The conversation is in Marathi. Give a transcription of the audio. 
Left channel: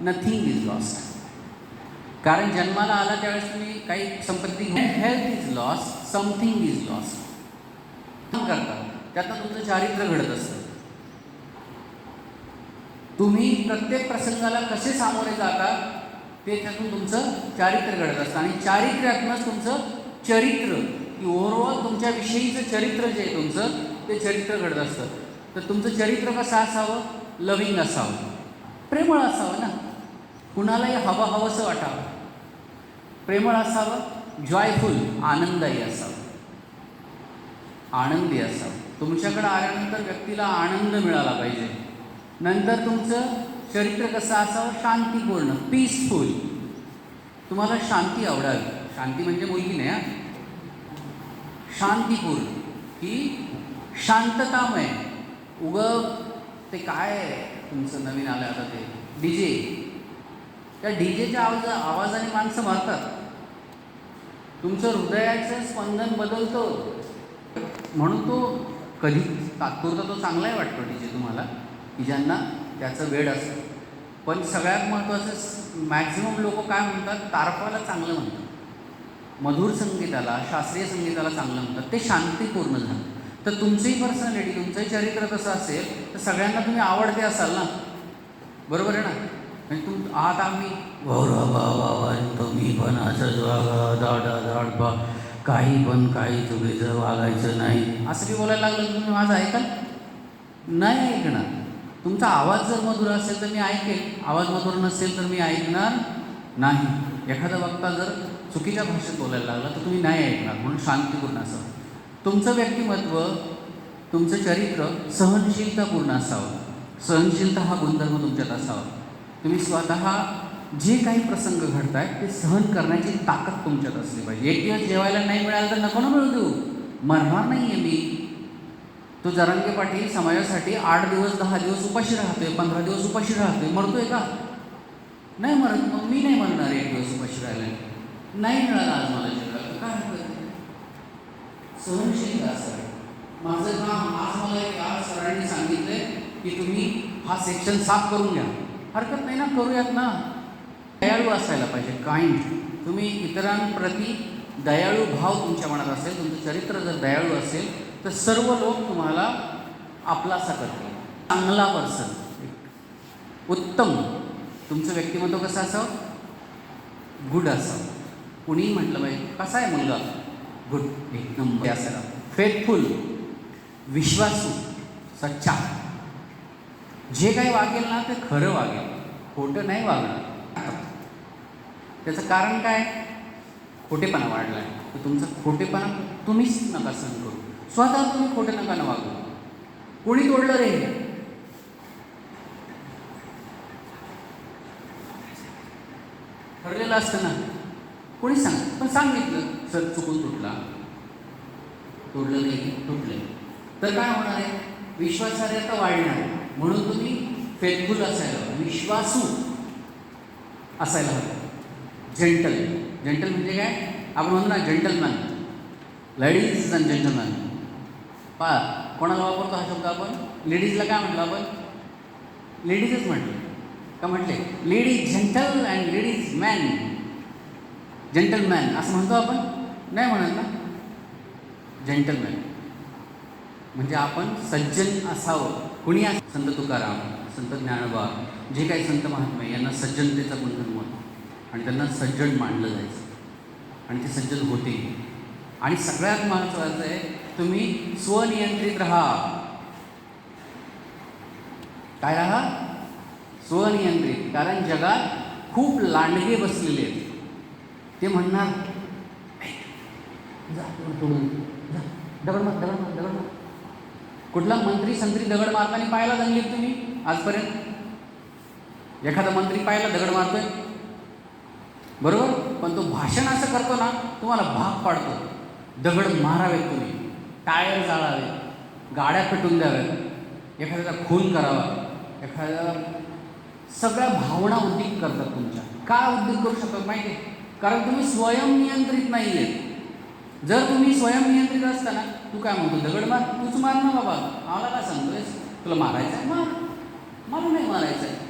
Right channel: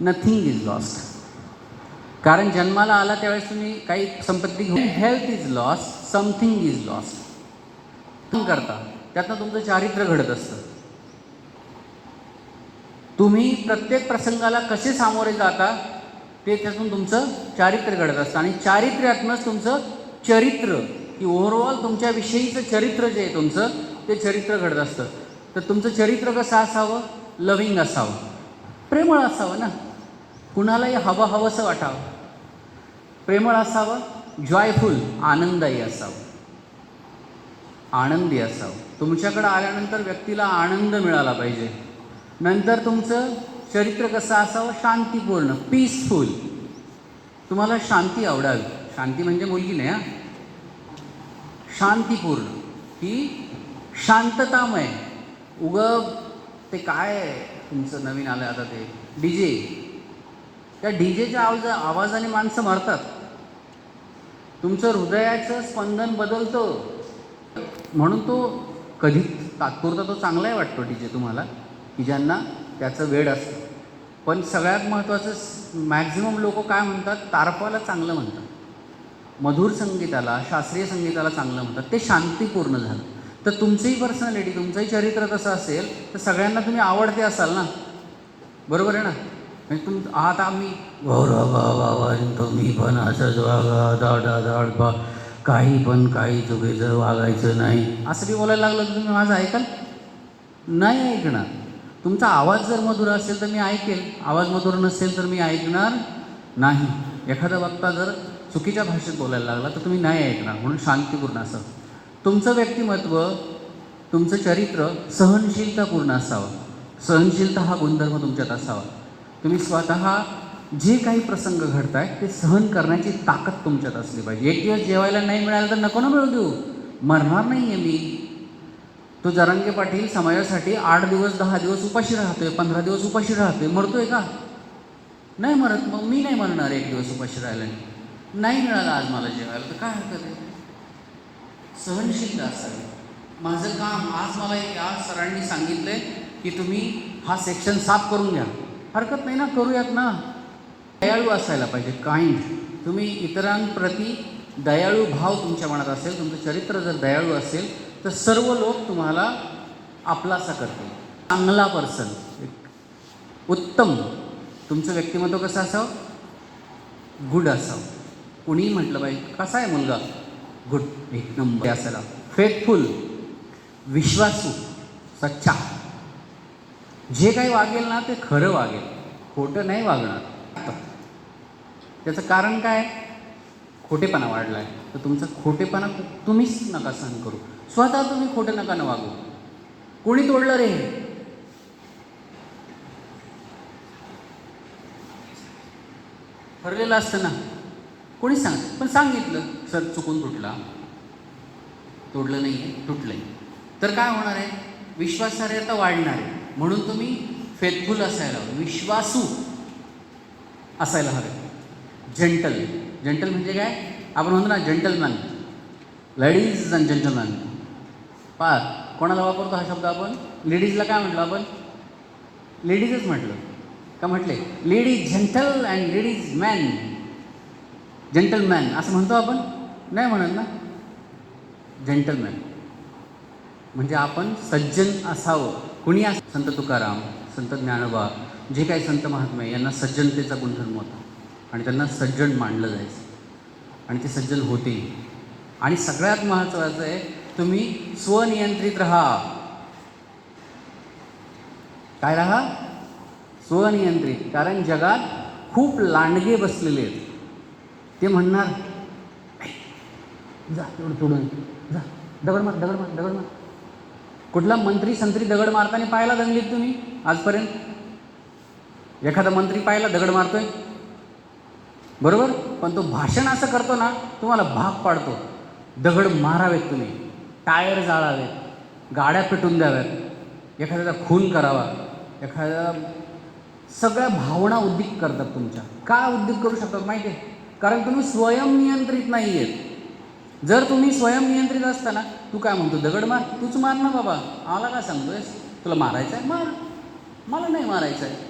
नथिंग इज लॉस्ट कारण जन्माला आला त्यावेळेस तुम्ही काही संपत्ती घेऊन health is loss something is loss करता त्यातनं तुमचं चारित्र्य घडत असतं. तुम्ही प्रत्येक प्रसंगाला कसे सामोरे जाता ते त्यातून तुमचं चारित्र्य घडत असतं. आणि चारित्र्यातनंच तुमचं चरित्र की ओव्हरऑल तुमच्याविषयीचं चरित्र जे आहे तुमचं ते चरित्र घडत असतं. तर तुमचं चरित्र कसं असावं? लविंग असावं. प्रेमळ असावं ना. कुणालाही हवं हवंसं वाटावं. प्रेमळ असावं जॉयफुल आनंदायी असावं. आनंदी असावं. तुमच्याकडं आल्यानंतर व्यक्तीला आनंद मिळाला पाहिजे. नंतर तुमचं चरित्र कसं असावं? शांतीपूर्ण पीसफुल तुम्हाला शांती आवडावी. शांती म्हणजे मुलगी नाही हा. शांतीपूर्ण. ही शांततामय. उग ते काय आहे तुमचं नवीन आलं आता ते? डी जे त्या डी जेच्या आवाज आवाजाने माणसं मरतात. तुमचं हृदयाचं स्पंदन बदलतं. म्हणून तो कधी तात्पुरता तो चांगलाही वाटतो डी जे तुम्हाला की ज्यांना त्याचं वेळ असतं. पण सगळ्यात महत्त्वाचं मॅक्झिमम लोक काय म्हणतात? तारपाला चांगलं म्हणतात. मधुर संगीताला शास्त्रीय संगीताला चांगलं म्हणतात. ते शांतीपूर्ण झालं. तर तुमचंही पर्सनॅलिटी तुमचंही चरित्र कसं असेल तर सगळ्यांना तुम्ही आवडते असाल ना? बरोबर आहे ना? म्हणजे तुम आता आम्ही. गौरव बाबा तुम्ही पण असंच वागा दाडा दाडपा काही पण काही चुकीचं वागायचं नाही असं बी बोलायला लागलं तर तुम्ही माझं ऐकाल? नाही ऐकणार. तुमचा आवाज जर मधुर असेल तर मी ऐकेल. आवाज मधुर नसेल तर मी ऐकणार नाही. एखादा वक्ता जर चुकीच्या भाषेत बोलायला लागला तर तुम्ही नाही ऐकणार. म्हणून शांतीपूर्ण असं. तुमचं व्यक्तिमत्व तुमचं चरित्र सहनशीलतापूर्ण असावं. सहनशीलता हा गुणधर्म तुमच्यात असावा. तुम्ही स्वतः जे काही प्रसंग घडत आहेत ते सहन करण्याची ताकद तुमच्यात असली पाहिजे. एक दिवस जेवायला नाही मिळालं तर नको ना मिळू देऊ. मरणार नाही आहे मी. तो जरांगे पाटील समाजासाठी आठ दिवस दहा दिवस उपाशी राहतोय पंधरा दिवस उपाशी राहतोय. मरतोय का? नाही मरत. मग मी नाही मरणार एक दिवस उपाशी राहिला नाही मिळालं आज मला जेवायला. काय? सहनशील आहे? असावी. माझं काम आज मला एक आज सरांनी सांगितलंय की तुम्ही हा सेक्शन साफ करून घ्या. हरकत नाही ना करूयात ना. दयाळू असायला पाहिजे काइंड तुम्ही इतरांप्रती दयाळू भाव तुमच्या मनात असेल तुमचं चरित्र जर दयाळू असेल तर सर्व लोक तुम्हाला आपलासा करतील. चांगला पर्सन उत्तम. तुमचं व्यक्तिमत्व कसं असावं? गुड असावं. कुणीही म्हटलं पाहिजे कसा आहे मुलगा? गुड एक नंबर असायला फेथफुल विश्वासू सच्चा. जे काही वागेल ना ते खरं वागेल. खोटं नाही वागणार. त्याचं कारण काय? खोटेपणा वाढला आहे तर तुमचं खोटेपणा तुम्हीच नका सहन करू. स्वतः तुम्ही खोटं नका न वागू. कोणी तोडलं रे? ठरलेलं असतं ना. कोणी सांग पण सांगितलं. तर चुकून तुटला. तोडलं नाही तुटले. तर काय होणार आहे? विश्वासार्हता वाढणार आहे. म्हणून तुम्ही फेथफुल असायला हवं, विश्वासू असायला हवं. जेंटल जेंटल म्हणजे काय? आपण म्हणतो ना जेंटलमॅन लेडीज अँड जेंटलमॅन पा कोणाला वापरतो हा शब्द आपण? लेडीजला काय म्हटलं आपण? लेडीजच म्हटलं. का म्हटले? Ladies gentle and ladies man gentleman असं म्हणतो आपण? नाही म्हणाल ना? जेंटलमॅन म्हणजे आपण सज्जन असावं. कुणी अस संत तुकाराम संत ज्ञानोबा जे काही संत महात्मा यांना सज्जनतेचा गुणधर्म होता. आणि त्यांना सज्जन मानलं जायचं. आणि ते सज्जन होते. आणि सगळ्यात महत्त्वाचं आहे तुम्ही स्वनियंत्रित राहा. काय राहा? स्वनियंत्रित. कारण जगात खूप लांडगे बसलेले आहेत. ते म्हणणार जा पुढं- पुढून जा दगड मार दगड मार दगड मार. कुठला मंत्री संत्री दगड मारताना पाहायला दंगलीत तुम्ही आजपर्यंत? एखादा मंत्री पाहायला दगड मारतोय? बरोबर? पण तो भाषण असं करतो ना तुम्हाला भाग पाडतो. दगड मारावेत तुम्ही. टायर जाळावेत. गाड्या पेटून द्याव्यात. एखाद्याचा खून करावा. एखाद्या सगळ्या भावना उद्दीक करतात तुमच्या. का उद्दीक करू शकतात माहिती आहे कारण तुम्ही स्वयंनियंत्रित नाही आहेत जर तुम्ही स्वयंनियंत्रित असताना तू काय म्हणतो दगड मार तूच मार ना बाबा. आम्हाला काय सांगतोयस? तुला मारायचं आहे मार. मला नाही मारायचं आहे